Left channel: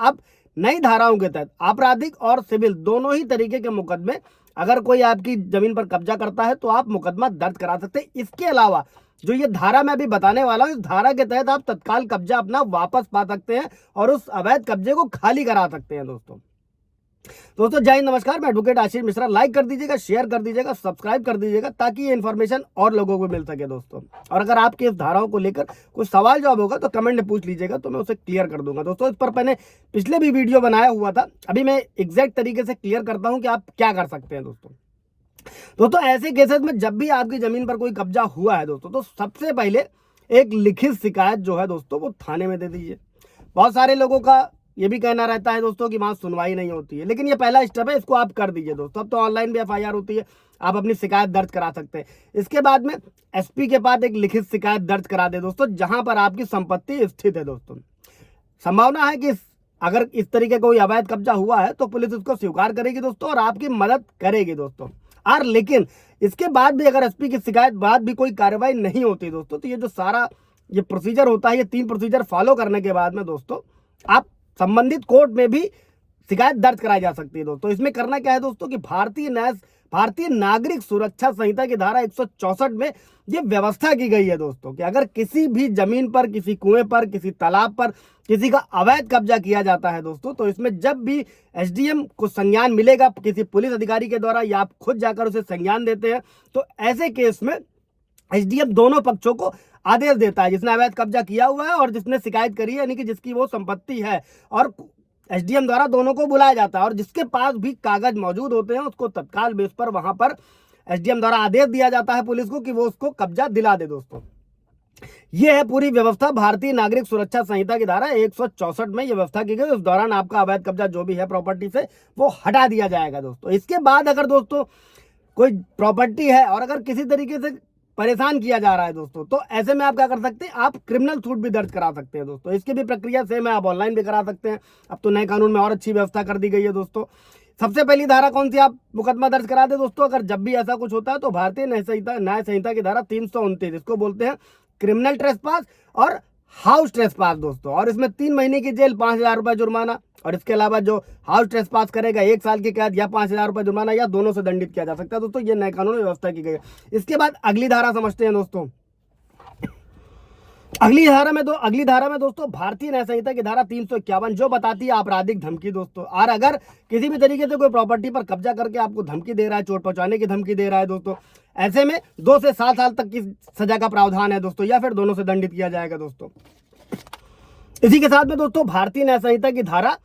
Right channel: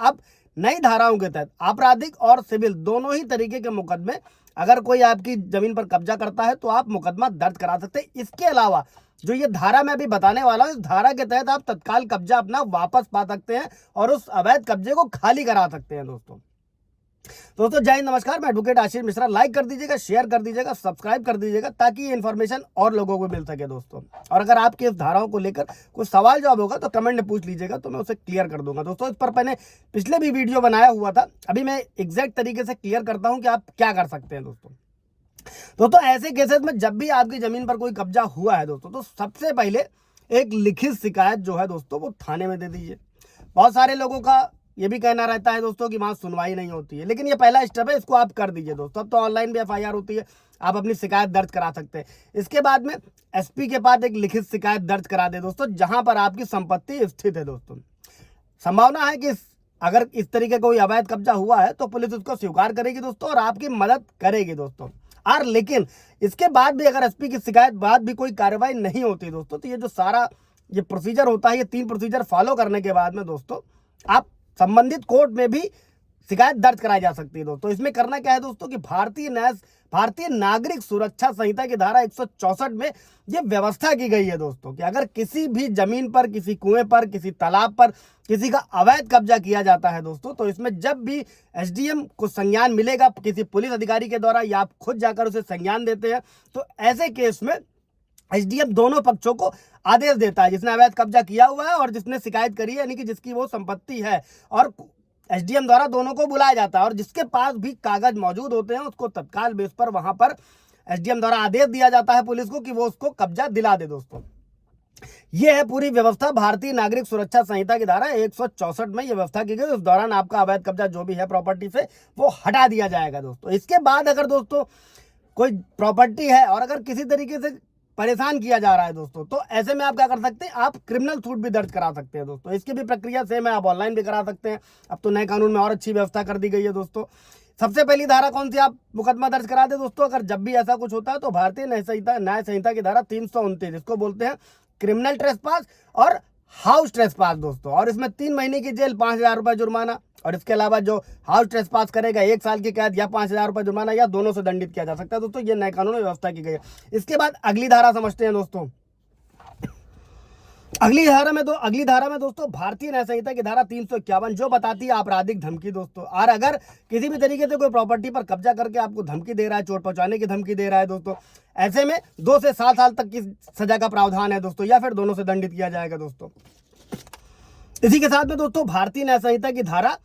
अब नई धाराओं के तहत आपराधिक और सिविल दोनों ही तरीके के मुकदमे अगर कोई आपकी जमीन पर कब्जा करता है तो आप मुकदमा दर्ज करा सकते हैं। इसके अलावा जो ये धारा मैं अभी बताने वाला हूं, इस धारा के तहत आप तत्काल कब्जा अपना वापस पा सकते हैं और उस अवैध कब्जे को खाली करा सकते हैं। दोस्तों जय हिंद, नमस्कार। मैं एडवोकेट आशीष मिश्रा। लाइक कर दीजिएगा, शेयर कर दीजिएगा, सब्सक्राइब कर दीजिएगा ताकि ये इन्फॉर्मेशन और लोगों को मिल सके दोस्तों। और अगर आपके इस धाराओं को लेकर कुछ सवाल जवाब होगा तो कमेंट में पूछ लीजिएगा, तो मैं उसे क्लियर कर दूंगा। दोस्तों इस पर मैंने पिछले भी वीडियो बनाया हुआ था, अभी मैं एग्जैक्ट तरीके से क्लियर करता हूं कि आप क्या कर सकते हैं। दोस्तों ऐसे केसेस में जब भी आपकी जमीन पर कोई कब्जा हुआ है दोस्तों, तो सबसे पहले एक लिखित शिकायत जो है दोस्तों वो थाने में दे दीजिए। बहुत सारे लोगों का ये भी कहना रहता है दोस्तों कि वहां सुनवाई नहीं होती है, लेकिन ये पहला स्टेप है, इसको आप कर दीजिए दोस्तों। अब तो ऑनलाइन भी एफआईआर होती है, आप अपनी शिकायत दर्ज करा सकते हैं। इसके बाद में एसपी के पास एक लिखित शिकायत दर्ज करा दे दोस्तों, जहां पर आपकी संपत्ति स्थित है। दोस्तों संभावना है कि अगर इस तरीके का कोई अवैध कब्जा हुआ है तो पुलिस उसको स्वीकार करेगी दोस्तों और आपकी मदद करेगी दोस्तों। और लेकिन इसके बाद भी अगर एसपी की शिकायत बाद भी कोई कार्रवाई नहीं होती दोस्तों, तो ये जो सारा ये प्रोसीजर होता है, ये 3 प्रोसीजर फॉलो करने के बाद में दोस्तों आप संबंधित कोर्ट में भी शिकायत दर्ज कराई जा सकती है। दोस्तों इसमें करना क्या है दोस्तों कि भारतीय नागरिक सुरक्षा संहिता की धारा 164 में ये व्यवस्था की गई है दोस्तों कि अगर किसी भी जमीन पर, किसी कुएं पर, किसी तालाब पर किसी का अवैध कब्जा किया जाता है दोस्तों, तो इसमें जब भी एसडीएम को संज्ञान मिलेगा किसी पुलिस अधिकारी के द्वारा या आप खुद जाकर उसे संज्ञान देते हैं, तो ऐसे केस में एसडीएम दोनों पक्षों को आदेश देता है, जिसने अवैध कब्जा किया हुआ है और जिसने शिकायत करी है, यानी कि जिसकी वो संपत्ति है, और एसडीएम द्वारा दोनों को बुलाया जाता है। और जिसके पास भी कागज मौजूद होते हैं उसको तत्काल बेस पर वहां पर एसडीएम द्वारा आदेश दिया जाता है पुलिस को कि वो उसको कब्जा दिला दे। दोस्तों ये है पूरी व्यवस्था भारतीय नागरिक सुरक्षा संहिता की धारा 164 में ये व्यवस्था की गई। उस दौरान आपका अवैध कब्जा जो भी है प्रॉपर्टी से वो हटा दिया जाएगा दोस्तों। इसके बाद अगर दोस्तों कोई प्रॉपर्टी है और अगर किसी तरीके से परेशान किया जा रहा है दोस्तों, तो ऐसे में आप क्या कर सकते हैं, आप क्रिमिनल सूट भी दर्ज करा सकते हैं दोस्तों। इसकी भी प्रक्रिया सेम है, आप ऑनलाइन भी करा सकते हैं। अब तो नए कानून में और अच्छी व्यवस्था कर दी गई है दोस्तों। सबसे पहली धारा कौन सी, आप मुकदमा दर्ज करा दे दोस्तों अगर जब भी ऐसा कुछ होता है, तो भारतीय न्याय संहिता की धारा 329 इसको बोलते हैं क्रिमिनल ट्रेसपास और हाउस ट्रेसपास दोस्तों। और इसमें 3 महीने की जेल, 5,000 रुपए जुर्माना, और इसके अलावा जो हाउस ट्रेसपास करेगा 1 साल की कैद या 5,000 रुपए जुर्माना या दोनों से दंडित किया जा सकता है दोस्तों। ये नए कानून में व्यवस्था की गई है। इसके बाद अगली धारा समझते हैं दोस्तों। अगली धारा में दोस्तों भारतीय न्याय संहिता की धारा 351 जो बताती है आपराधिक धमकी दोस्तों। और अगर किसी भी तरीके से कोई प्रॉपर्टी पर कब्जा करके आपको धमकी दे रहा है, चोट पहुंचाने की धमकी दे रहा है दोस्तों, ऐसे में 2 से 7 साल तक की सजा का प्रावधान है दोस्तों, या फिर दोनों से दंडित किया जाएगा दोस्तों। इसी के साथ में दोस्तों भारतीय न्याय संहिता की धारा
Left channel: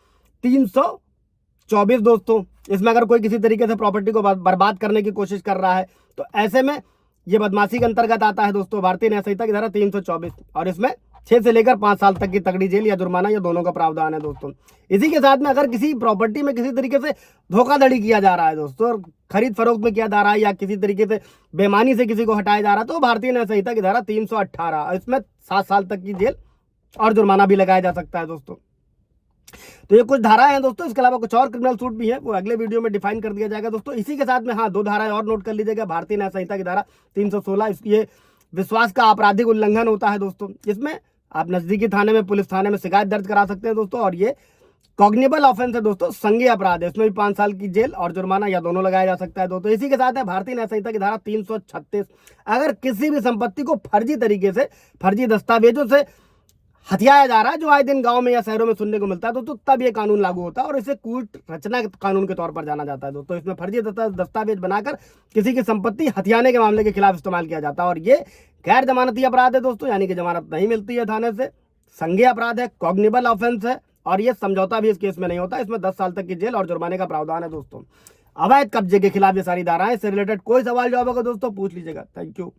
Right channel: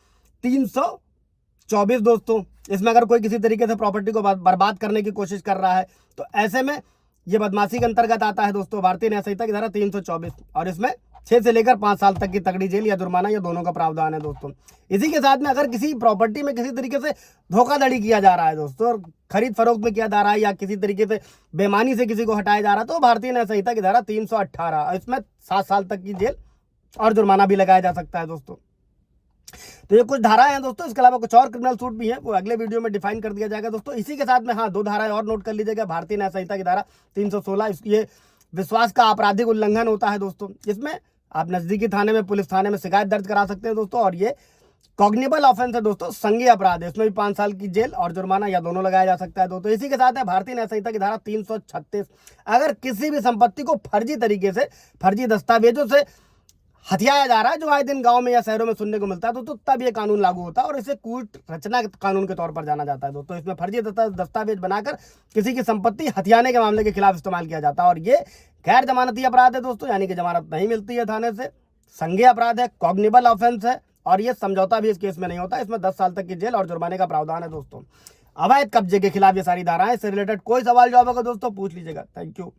324 दोस्तों, इसमें अगर कोई किसी तरीके से प्रॉपर्टी को बर्बाद करने की कोशिश कर रहा है तो ऐसे में ये बदमाशी के अंतर्गत आता है दोस्तों भारतीय न्याय संहिता की धारा 324, और इसमें 6 से लेकर 5 साल तक की तगड़ी जेल या जुर्माना या दोनों का प्रावधान है दोस्तों। इसी के साथ में अगर किसी प्रॉपर्टी में किसी तरीके से धोखाधड़ी किया जा रहा है दोस्तों, खरीद फरोख्त में किया जा रहा है या किसी तरीके से बेईमानी से किसी को हटाया जा रहा है, तो भारतीय न्याय संहिता की धारा 318 इसमें 7 साल तक की जेल और जुर्माना भी लगाया जा सकता है दोस्तों। तो ये कुछ धाराएं हैं दोस्तों। इसके अलावा कुछ और क्रिमिनल सूट भी है, वो अगले वीडियो में डिफाइन कर दिया जाएगा दोस्तों। इसी के साथ में 2 धाराएं और नोट कर लीजिएगा। भारतीय न्याय संहिता की धारा 316 ये विश्वास का आपराधिक उल्लंघन होता है दोस्तों। इसमें आप नजदीकी थाने में, पुलिस थाने में शिकायत दर्ज करा सकते हैं दोस्तों। और ये कॉग्निबल ऑफेंस है दोस्तों, संज्ञेय अपराध है, इसमें भी 5 साल की जेल और जुर्माना या दोनों लगाया जा सकता है दोस्तों। इसी के साथ है भारतीय न्याय संहिता की धारा 336 अगर किसी भी संपत्ति को फर्जी तरीके से, फर्जी दस्तावेजों से हथियाया जा रहा है, जो आए दिन गांव में या शहरों में सुनने को मिलता है दोस्तों, तब ये कानून लागू होता है और इसे कूट रचना कानून के तौर पर जाना जाता है दोस्तों। इसमें फर्जी दस्तावेज बनाकर किसी की संपत्ति हथियाने के मामले के खिलाफ इस्तेमाल किया जाता है और ये गैर जमानती अपराध है दोस्तों, यानी कि जमानत नहीं मिलती है थाने से, संज्ञेय अपराध है, कॉग्निबल ऑफेंस है, और ये समझौता भी इस केस में नहीं होता। इसमें 10 साल तक की जेल और जुर्माने का प्रावधान है दोस्तों। अवैध कब्जे के खिलाफ ये सारी धाराएं। इससे रिलेटेड कोई सवाल जवाब होगा दोस्तों पूछ लीजिएगा। Thank you.